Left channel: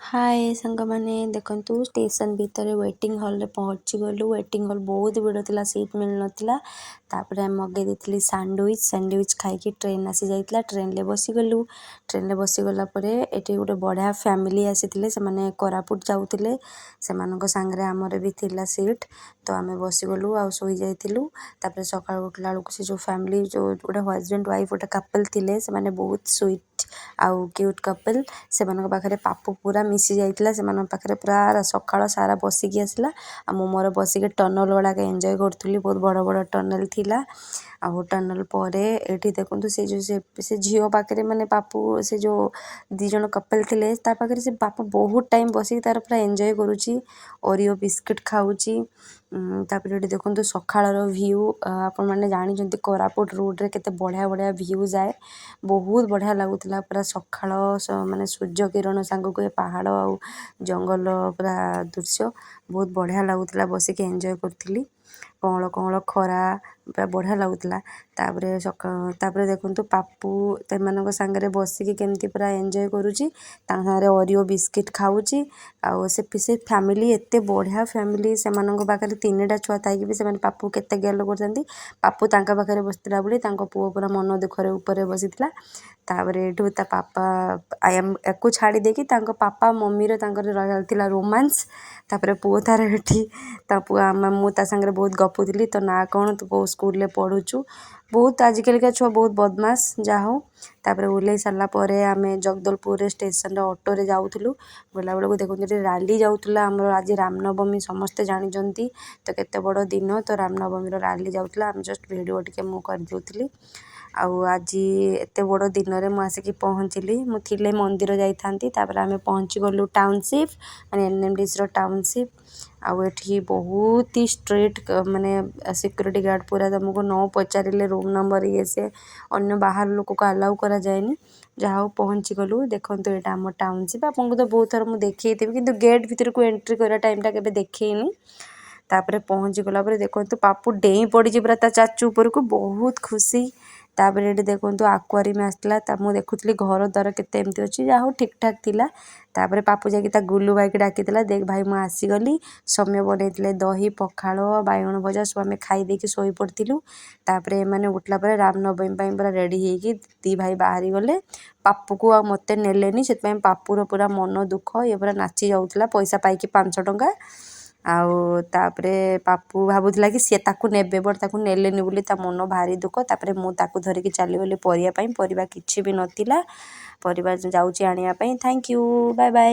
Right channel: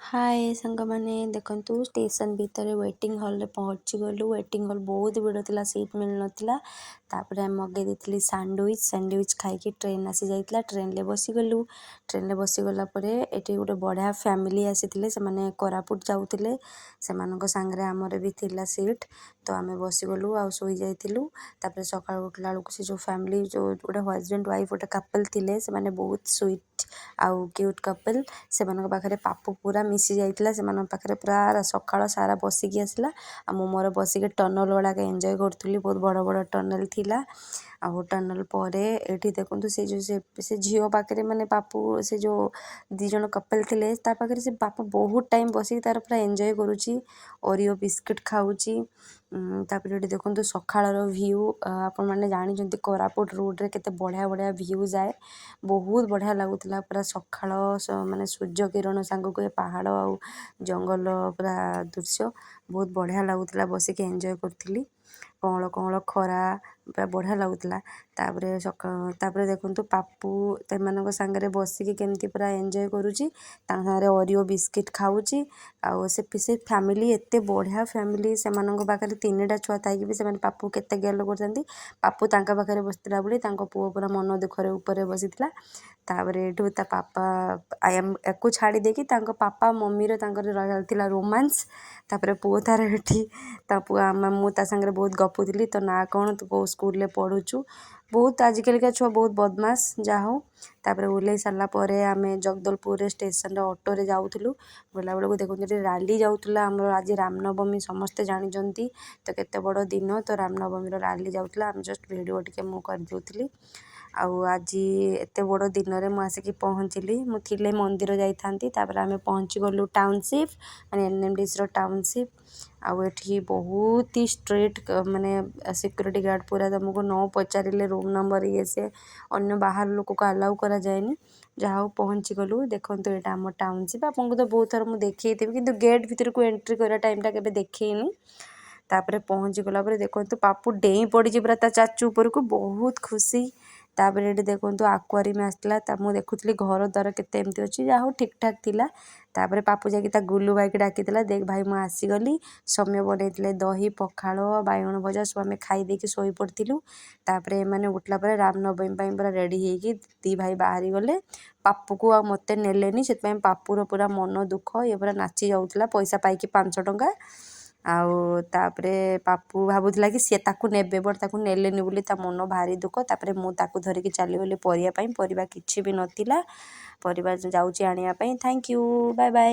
हाय ସାଙ୍ଗମାନେ ଦେଖନ୍ତୁ ଷ୍ଟେସନ ଭିତରେ ୱେଟିଂ ହଲ୍ରେ ପହଞ୍ଚିଗଲୁ। ୱେଟିଂ ହଲ୍ ବହୁତ ଭିଡ଼ ଥିଲା, ସିଟ୍ ମିଳୁନଥିଲା। ତାପରେ ଆମେ ମଗାଇ ଦେଇଥିଲି ସ୍ୟାଣ୍ଡୱିଚ୍ ଖାଇକି ଟ୍ରେନ୍ ଆସିଯାଇଥିଲା। ଟ୍ରେନ୍ରେ ବସିଗଲୁ। ଟ୍ରେନ୍ରେ ବସିଗଲା ପରେ ଏଠି ଗୋଟେ ବଢ଼ିଆ ଫ୍ୟାମିଲି ଆସିଥିଲେ, ସେମାନେ କୋରାପୁଟ ଯାଉଥିଲେ। ସେମାନଙ୍କ ସାଙ୍ଗରେ ଆମର ବି ଥିଲା ସିଟ୍, ତ ଆମେ ବସିଗଲୁ ଆଉ ଶୋଇଯାଇଥିଲୁ। ତାପରେ ସକାଳୁ ଉଠିଲା ବେଳକୁ ସେ ଯେଉଁ ଫ୍ୟାମିଲି ଯେଉଁ ଗୋଟେ ହଜବେଣ୍ଡ ୱାଇଫ୍ ଗୋଟେ କପଲ୍ ଥିଲେ, ସେମାନେ ବହୁତ ସୁଇଟ୍ ଆଉ କ୍ୟୁଟ୍ କପଲ୍। ସେମାନଙ୍କ ପାଖରେ ପାପୁ ପୁରା ମିଶି ଯାଇଥିଲା, ସେମାନଙ୍କ ପାଖରେ ପୁରା ସକାଳ ସାରା ବସିକି ଆସିଲା। ଆଉ ମୁଁ ମୋର ବସିକି ଟନଲ୍ ଗୁଡ଼ାକ ଏନ୍ଜୟ କରୁଥିଲି, ବହୁତ ବଡ଼ ବଡ଼ ଟନେଲ୍ ଥିଲା। ଆଉ ଟନେଲ୍ ପରେ ଏଠି ଦେଖନ୍ତୁ ସେ ଯେଉଁ ସେ ଝିଅ ପାଖରେ ମାନେ ପାପୁ ସେ ଯେଉଁ ଦୁଇ ଜଣ କପଲ୍ ଥିଲେ, ତା ପାଖରେ ସେ ପାପୁ ବହୁତ ଟାଇମ୍ ବସିକି ତାର ପୁରା ଏନ୍ଜୟ କରୁଛି, ଓରିଓ ବିସ୍କିଟ୍ ଖାଉଛି। ତାପରେ ଏଠି ଦେଖନ୍ତୁ ସକାଳର ଭ୍ୟୁ, ଆପଣମାନେ ଜାଣିଛନ୍ତି କୋରାପୁଟ ରୁଟ୍ରେ କେତେ ବଢ଼ିଆ ବଢ଼ିଆ ଭ୍ୟୁ ଯାଏ। ବହୁତ ବଢ଼ିଆ ଲାଗୁଥିଲା ପୁରା ସକାଳ ମାନେ ସୂର୍ଯ୍ୟ କିରଣ ସାଙ୍ଗକୁ ଏ ପାହାଡ଼ ଆଉ ଜଙ୍ଗଲ ପୁରା ଦୃଶ୍ୟ ବହୁତ ବଢ଼ିଆ ଲାଗୁଥିଲା, ବସିକି ଏନ୍ଜୟ କରୁଥିଲି। କଅଁଳ କଅଁଳ ଖରା ପୁରା ବଢ଼ିଆ ଲାଗୁଥିଲା। ତାପରେ ଦେଖନ୍ତୁ ପାପୁ ସେମାନଙ୍କ ସାଙ୍ଗରେ ବସିକି କେମିତି ପୁରା ଏନ୍ଜୟ କରୁଛି, ତାଙ୍କ ସାଙ୍ଗରେ ଓରିଓ ବିସ୍କିଟ୍ ଖାଉଛି। ଆଉ ସେ ଫ୍ୟାମିଲି ଏତେ ବଢ଼ିଆ ଫ୍ୟାମିଲି, ସେମାନଙ୍କ ପାଖରେ 3ଟା ଛୁଆ ଥାଇକି ବି ସେମାନେ ପାପୁ କେତେ ଗେଲ କରୁଛନ୍ତି। ପାପୁ ତାଙ୍କ ପାଖରେ ବସିଥିଲା ବୋଲି ତାଙ୍କ ପୁଅ ପୁରା ମନ ଦୁଃଖରେ ଉପରେ ବସିଥିଲା। ତାପରେ ଏଠୁ ତା ପାପା ୟାକୁ ଛାଡ଼ି ଦେଇକି ତାଙ୍କ ପାପା ମମିର ତାଙ୍କର ଥିଲା ରୋମାନ୍ସ। ତାପରେ ପୁଅ ତାର ଏଠି ତା ପୁଅ ମୁଁ ତା ସାଙ୍ଗରେ ବହୁତ ଗପୁଥିଲି, ତ ନାଁ କ'ଣ, ତୁ କେଉଁ ସ୍କୁଲରେ ପଢ଼ୁଛୁ। ବହୁତ ଆଜିକାଲିକା ଛୁଆ ବହୁତ ବଦମାସ, ଯାହା ହଉ। ତାପରେ ଓହ୍ଲେଇ ସାରିଲା ପରେ ଆମେ ଜଗଦଲପୁରରେ ଷ୍ଟେସନରେ ଅଟୋରେ ଯାଉଥିଲୁ। ଗଲାବେଳକୁ ଦେଖନ୍ତୁ ଏଠି ରାଲି ଯାଉଥିଲା ଆମର, ଆଜି ରାମନବମୀ ସମସ୍ତେ ଜାଣିଛନ୍ତି, ତ କେତେ ବଡ଼ ଦିନ, ତ ରାମନବମୀର ରାଲି ଯାଉଥିଲା। ଆମେ ଜଷ୍ଟ ଭିଡ଼ିଓ ଟିକେ ମୁଁ କରିଦେଉଥିଲି। ଆଉ ଆଜି ଏତେ ବଡ଼ ଦିନରେ ମୁଁ ଆସିକି ପହଞ୍ଚିଲି। ମୁଁ ଥିଲେ ମନ୍ଦିର ଯାଇଥାନ୍ତି। ତାପରେ ଆମେ ପହଞ୍ଚିଗଲୁ ଟାଉନସିପ୍, ମାନେ NMDCର ଟାଉନସିପ୍। ଆଉ ଏଠି ବହୁତ ହି ଷ୍ଟ୍ରିକ୍ଟ, ମାନେ ସିକ୍ୟୁରିଟି ଗାର୍ଡ଼ ପୁରା, ତୁମକୁ ନ ପଚାରିଲେ ରୁମ୍ ନମ୍ବର ଇଏ ସିଏ ଅନ୍ୟ ବାହାର ଲୋକକୁ ଆଲାଉ କରାଯାଏନି। ଯାହା ହଉ ପହଞ୍ଚିଗଲୁ। ଦେଖନ୍ତୁ ଏଇଟା ଆମ ଟାଉନସିପ୍, ଆପଣଙ୍କୁ ତ ବହୁତ ଥର ମୁଁ ଦେଖେଇଥିବି, କିନ୍ତୁ ଗେଟ୍ ଭିତରକୁ ଏଣ୍ଟ୍ରି କରିବା ଟାଇମ୍ଟା କେବେ ଦେଖେଇନି। ତାପରେ ପହଞ୍ଚିଗଲା ପରେ ଦେଖନ୍ତୁ ପାପୁ ଡେଇଁ ପଡ଼ିଛି ପୁରା ତା ଚାଚୁ ଉପରକୁ, ବହୁତ ଖୁସି। ତାପରେ ଏଠି ଦେଖନ୍ତୁ ଆକ୍ୱାରିୟମ୍ ଆସିଥିଲା, ମୁଁ ଦେଖୁଥିଲି ଘର ଦ୍ୱାର କେତେ ଏମିତି ଅଛି, ଯାହା ହଉ ଠିକ୍ ଠାକ୍ ଥିଲା। ତାପରେ ପାପୁ ଯାଇକି ତା ଗୁଲୁ ଭାଇକି ଡାକିଥିଲା, ଦେଖ ଭାଇ ମୁଁ ଆସିଗଲି। ସୌମ୍ୟ ବନେଇଥିଲେ ଦହି ପଖାଳ ବାଇଗଣ ଭଜା, ସବୁ ଆମେ ଖାଇ ଦେଇକି ଶୋଇପଡ଼ିଥିଲୁ। ତାପରେ ଏମାନେ ଉଠିଲା ପରେ ରାମନବମୀ ପାଇଁ ପୁରା ରେଡ଼ି ହେଇକି ଦୁଇ ଭାଇ ବାହାରି ଗଲେ। ପାପୁକୁ ଆଉ ମୋତେ ନେଲେନି, ସେଥିପାଇଁ ପାପୁର ପୁରା ମନ ଦୁଃଖ, ଇଏ ପୁରା ନାଚି ଯାଉଥିଲା ପଇସା ପାଇକି 500 ଟଙ୍କା। ଆଉ ତାପରେ ପାପୁ ଭାବୁଥିଲା କି ସିଏ ତାକୁ ନେବେ, ବଟ୍ ତାକୁ ନେଲେନି ବୋଲି ତା ମନ ଭାରି ଦୁଃଖ। ତାପରେ ମୁଁ ତାକୁ ଧରିକି ଚାଲିଗଲି ପରିବା ପାଇଁ, ପରିବା କିଛି ବି ନଥିଲା। ପରିବା ଯାଉଛି ଆଣିବା ପାଇଁ। Thank you, bye bye.